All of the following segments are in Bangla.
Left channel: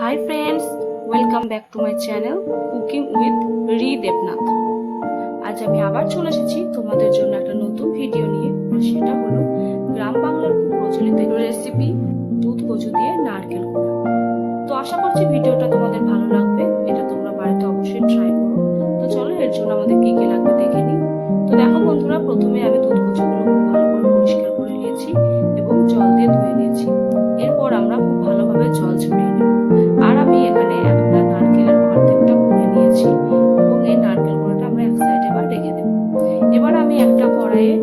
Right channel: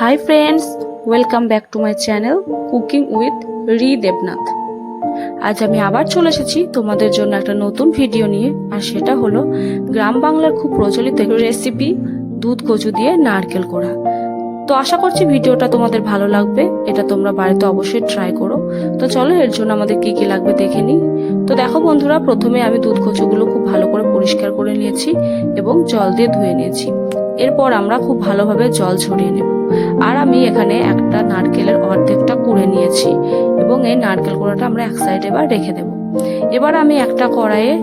Hi friends, welcome back to my channel cooking with রি দেবনাথ। আজ আমি আবার চলে এসেছি তোমাদের জন্য একটা নতুন ভিডিও নিয়ে, আর সেটা হলো গ্রাম বাংলার খুব প্রচলিত রেসিপি দুধ কচু দিয়ে নারকেল কোড়া। তো আশা করছি ভিডিওটা তোমাদের ভালো লাগবে। এটা তোমরা বাড়িতে অবশ্যই ট্রাই করো। তো চলো এর জন্য আমাদের কি কি লাগবে দেখে নিই। তো দেখো বন্ধুরা, প্রথমে আমি দুধ কচুগুলো খুব ভালো করে পরিষ্কার করে নিয়েছি এবং জল দিয়ে ধুয়ে নিয়েছি। এরপর আমরা খুব ভালোভাবে জল ছড়িয়ে নেব। আর আমি এখানে একটা নারকেলের অর্ধেকটা কুড়ে নিয়েছি এবং এই নারকেল কোড়াটা আমরা এক সাইডে এবার রেখে দেব। এবার আমি একটা কড়াইয়ে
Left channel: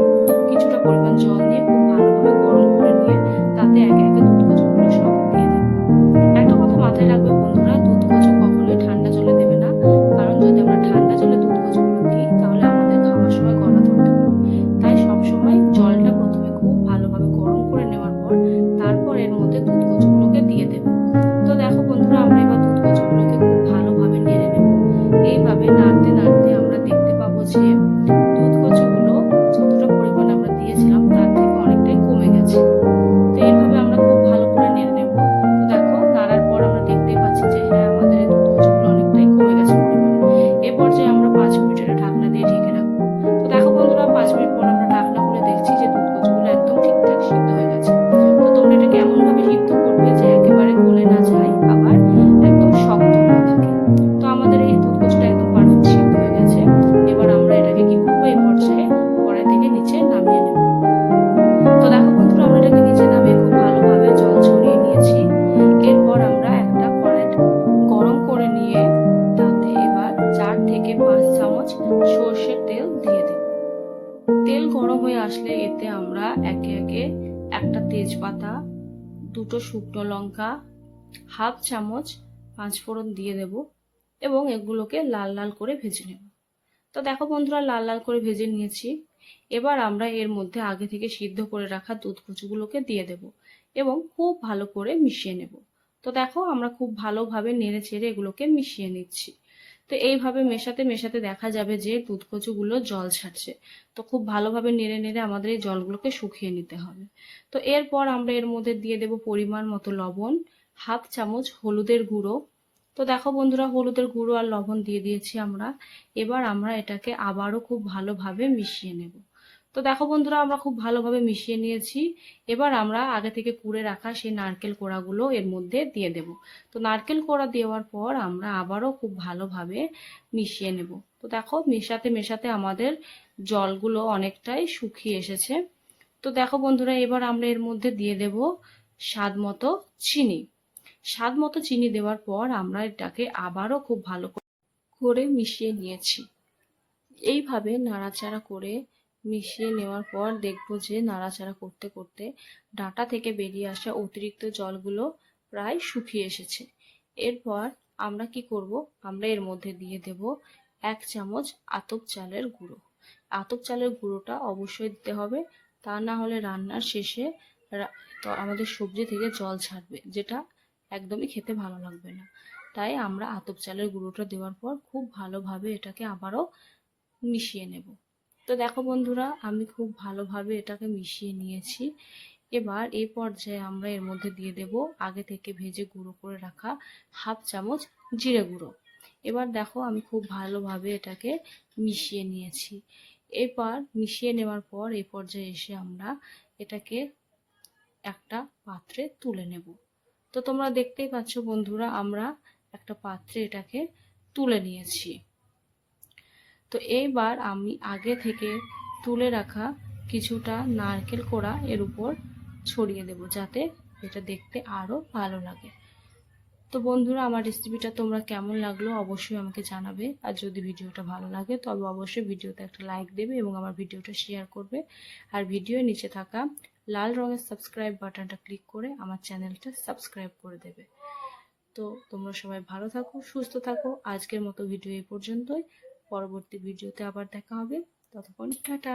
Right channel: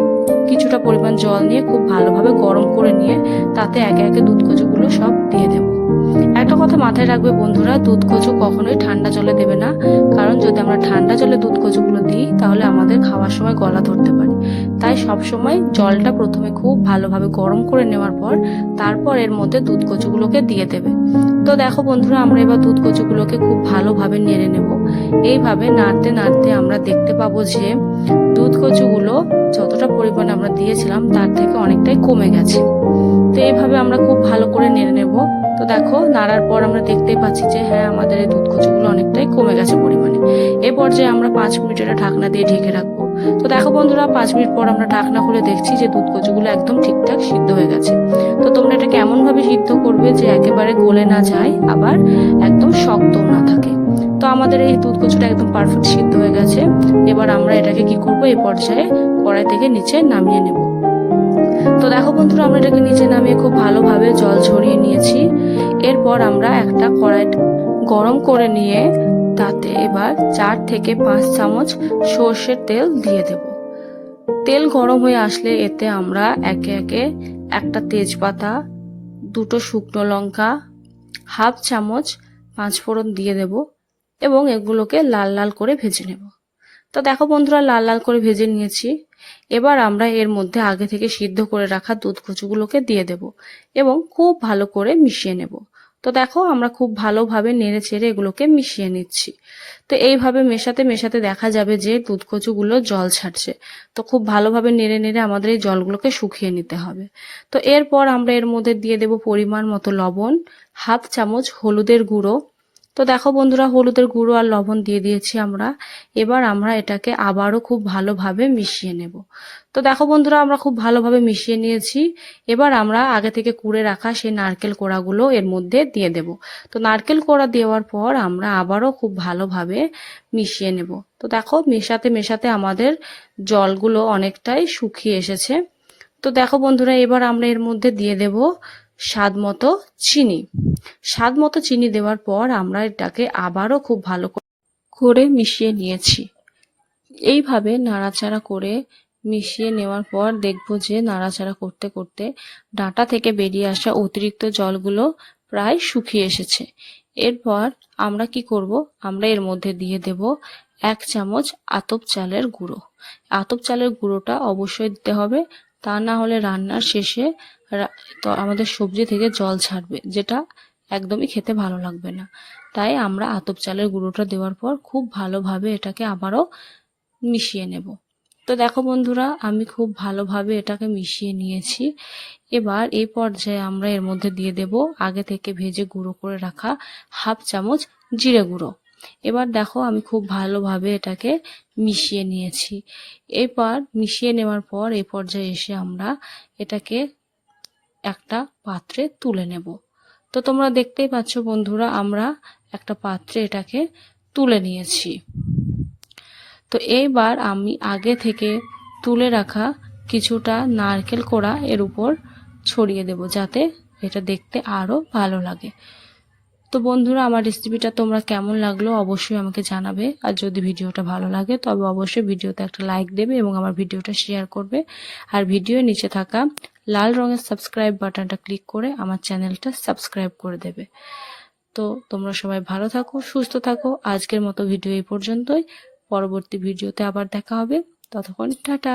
কিছুটা পরিমাণ জল নিয়ে খুব ভালোভাবে গরম করে নিয়ে তাতে একে একে দুধ কচুগুলো সব দিয়ে দেব। একটা কথা মাথায় রাখবে বন্ধুরা, দুধ কচু কখনোই ঠান্ডা জলে দেবে না, কারণ যদি আমরা ঠান্ডা জলে দুধ কচুগুলো দিই তাহলে আমাদের খাওয়ার সময় গলা ধরতে পারে। তাই সবসময় জলটা প্রথমে খুব ভালোভাবে গরম করে নেওয়ার পর তারপর এর মধ্যে দুধ কচুগুলোকে দিয়ে দেবে। তো দেখো বন্ধুরা, আমরা এবার দুধ কচুগুলোকে খুব ভালোভাবে নেড়ে নেব। এইভাবে নাড়তে নাড়তে আমরা দেখতে পাবো যে দুধ কচুগুলো যতটা পরিমাণে আমরা দিয়েছিলাম তার থেকে অনেকটাই কমে গেছে। তো এইভাবে আমরা খুব ভালো করে নেড়ে নেব। তো দেখো, নাড়ার পর আমরা দেখতেই পাচ্ছি যে হ্যাঁ, আমাদের এই দুধ কচুগুলো অনেকটাই কমে গেছে পরিমাণে। এই পর্যায়ে আমরা 5 মিনিট এটা ঢাকনা দিয়ে ঢেকে রাখবো। তো দেখো বন্ধুরা, 5 মিনিট পর আমরা ঢাকনা খুলে দেখছি যে দুধ কচুগুলো একদম ঠিকঠাক সিদ্ধ হয়ে গেছে। তো তোমরা এটা কেমন ভাবে সিদ্ধ করবে যে একেবারে গলে না যায় আবার একদম শক্ত না থাকে। তো আমাদের এই দুধ কচুটা একদম পারফেক্ট সিদ্ধ হয়ে গেছে। এবার আমরা এটাকে কি করবো, এই পর্যায়ে কড়াই থেকে নিচে নামিয়ে নেব। তো দেখো বন্ধুরা, আমরা এটাকে নিচে নামিয়ে খুব ভালোভাবে জল ছড়িয়ে নিয়েছি। এরপর আমরা একটা কড়াই গরম করে নিয়ে তাতে এবার 4 থেকে 5 চামচ সর্ষের তেল দিয়ে দেব। তেল গরম হয়ে আসলে এতে আমরা একে একে একটা তেজপাতা, দুটো শুকনো লঙ্কা, হাফ চামচ 5 ফোড়ন দিয়ে দেব এবং এগুলোকে লাল লাল করে ভেজে নেব। তো দেখো বন্ধুরা, লাল লাল করে ভেজে নিয়েছি। এবার আমরা এর মধ্যে আগে থেকে সিদ্ধ করে রাখা দুধ কচুগুলোকে দিয়ে দেব এবং খুব ভালো করে মিশিয়ে নেব। তো দেখো, আমরা খুব ভালোভাবে নেড়ে চেড়ে এগুলোকে মিশিয়ে নিচ্ছি। তো এইভাবে মেশাতে মেশাতে দেখা যাবে যে দুধ কচুগুলো জল ছাড়ছে। তো খুব ভালোভাবে নেড়ে নেড়ে আমাদের এই জলগুলোকে শুকিয়ে নিতে হবে। তো এরপর আমরা এর মধ্যে দিয়ে দেব পরিমাণ মতো লবণ, হাফ চামচ হলুদের গুঁড়ো। তো দেখো বন্ধুরা, হলুদের গুঁড়ো আর লবণ দিয়ে দিয়েছি আমরা। এবার আমরা এটাকে আবারও খুব ভালোভাবে মিশিয়ে নেব। তো দেখো বন্ধুরা, আমরা খুব ভালোভাবে মিশিয়ে নিয়েছি। এবার আমরা আগে থেকে কুড়ে রাখা সেই নারকেল কোড়াগুলো এর মধ্যে দিয়ে দেব। তো নারকেল কোড়া দেওয়ার পর আমরা আবারও খুব ভালোভাবে মিশিয়ে নেব। তো দেখো, মেশাতে মেশাতে আমাদের জলগুলো অনেকটাই শুকিয়ে এসেছে। তো দেখো বন্ধুরা, এবার আমরা এর মধ্যে দিয়ে দেব স্বাদ মতো চিনি। স্বাদ মতো চিনি দেওয়ার পর আমরা এটাকে আবারও খুব ভালো করে মিশিয়ে নিয়েছি। এইভাবে নাড়াচাড়া করে মিশিয়ে নেওয়ার পর দেখবো যে নাড়াচাড়া করতে করতে ডাঁটা থেকে বেরিয়ে আসা অতিরিক্ত জলগুলো প্রায় শুকিয়ে এসেছে। এরপর আমরা কি করব, আমরা এর মধ্যে দিয়ে দেব 1 চামচ আতপ চালের গুঁড়ো। আতপ চালের গুঁড়োটা অবশ্যই দিতে হবে, তা না হলে রান্নার শেষে তো আমাদের সবজি থেকে জল ছাড়বে, যেটা একদমই খেতে ভালো লাগবে না। তাই আমরা আতপ চালের গুঁড়োটা দেওয়ার পর খুব ভালোভাবে এটাকে আবারও মিশিয়ে নেব। তো দেখো বন্ধুরা, আমি খুব ভালোভাবে এটাকে মিশিয়ে নিয়েছি। এবার এই পর্যায়ে আমরা এর মধ্যে দিয়ে দেব আগে থেকে ভেজে গুঁড়ো করে রাখা হাফ চামচ জিরে গুঁড়ো। এবার দেখো, আমি খুব ভালোভাবে এটাকে মিশিয়ে নিয়েছি। এরপর মিশিয়ে নেওয়ার পর এই পর্যায়ে এসে আমরা এটাকে একটা পাত্রে তুলে নেব। তো তোমরা দেখতেই পাচ্ছ বন্ধুরা, আমরা একটা পাত্রে এটাকে তুলে নিয়েছি। তো এইবার আমি আগে থেকে তুলে রাখা কিছুটা নারকেল কোড়া এর উপর ছড়িয়ে দেব, যাতে এটা দেখতে আরও ভালো লাগে। তো বন্ধুরা, আমার রেসিপিটা তোমরা কেমন লাগলো অবশ্যই আমাকে জানাবে। আর যদি ভিডিওটা ভালো লাগে তবে অবশ্যই ভিডিওতে একটা লাইক দেবে এবং আমার ভিডিওটা শেয়ার করবে। আর ভিডিওর নিচে থাকা লাল রঙের সাবস্ক্রাইব বাটনটা ক্লিক করে আমার চ্যানেলটা সাবস্ক্রাইব করে দেবে। তো তোমরা সবাই ভালো থাকো, সুস্থ থাকো। আজকের মতো ভিডিও এই পর্যন্তই। পরবর্তী ভিডিওতে আবার দেখা হবে। ততক্ষণ টাটা।